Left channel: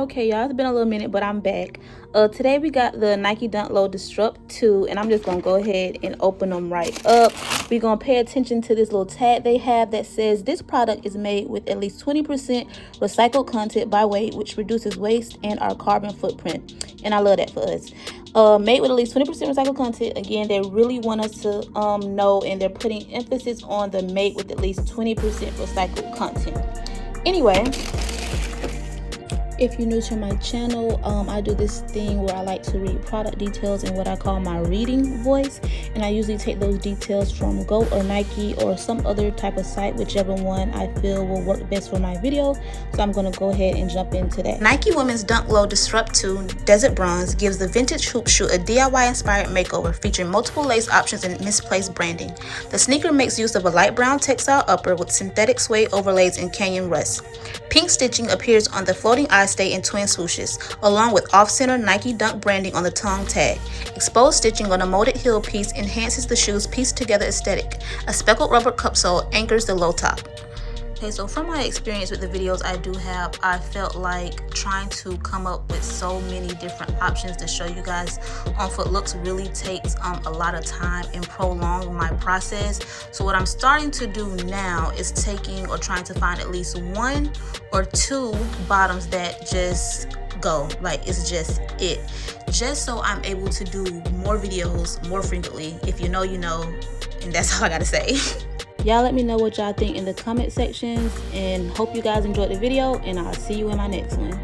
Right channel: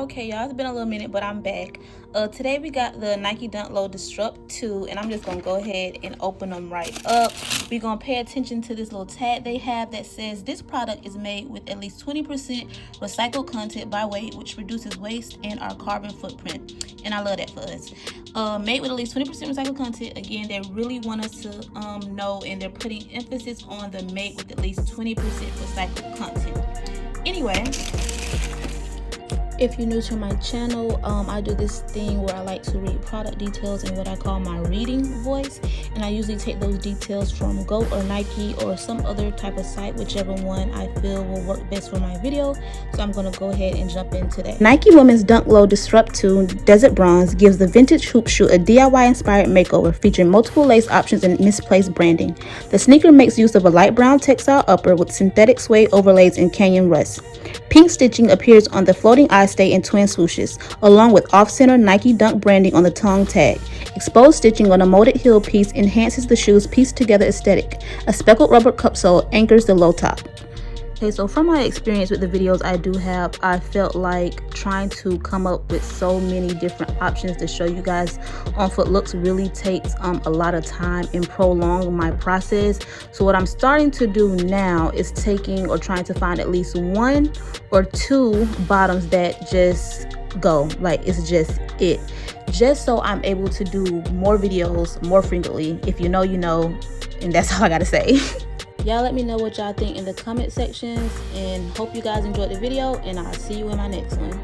Okay, y'all, it's been a little minute, but I'm back. Today we got the Nike Dunk Low Disrupt 2, and I'm just gonna go ahead and open them right up. We're gonna pay attention to this little tag they have that says this product is made with at least 20% recycled content by weight, which reduces waste and our carbon footprint. And I love that for us. Made with at least 20% recycled content. Again, they really want us to know, and they're putting emphasis on the made with at least 20% recycled content. Anyway, if you're new to my channel, I do this thing where I like to read product details in what I call my reading voice, and I usually take those details from GOAT or Nike or some other type of site, whichever one I feel will work best for my video. So I'm going to go ahead and jump into that. Nike Women's Dunk Low Disrupt 2 Desert Bronze gives the vintage hoop shoe a DIY inspired makeover featuring multiple lace options and misplaced branding. The sneaker makes use of a light brown textile upper with synthetic suede overlays and canyon rust. Pink stitching appears on the floating eye stay and twin swooshes, along with off-center Nike Dunk branding on the tongue tag. Exposed stitching on a molded heel piece enhances the shoe's pieced-together aesthetic. A speckled rubber cupsole anchors the low top. Okay, so from my experience with the videos I do have, I felt like trying to come up with so many different options to show you guys on foot looks really takes a lot of time and prolong my process. So what I'm starting to do now is taking or trying to find at least one or two bottoms that just go, like it's just it. Just so I'm able to do more videos more frequently. If you know, you know, and that's all I gotta say. Y'all let me know what y'all think in the comment sections, and hope you guys enjoyed the video, and I'll see you in my next one.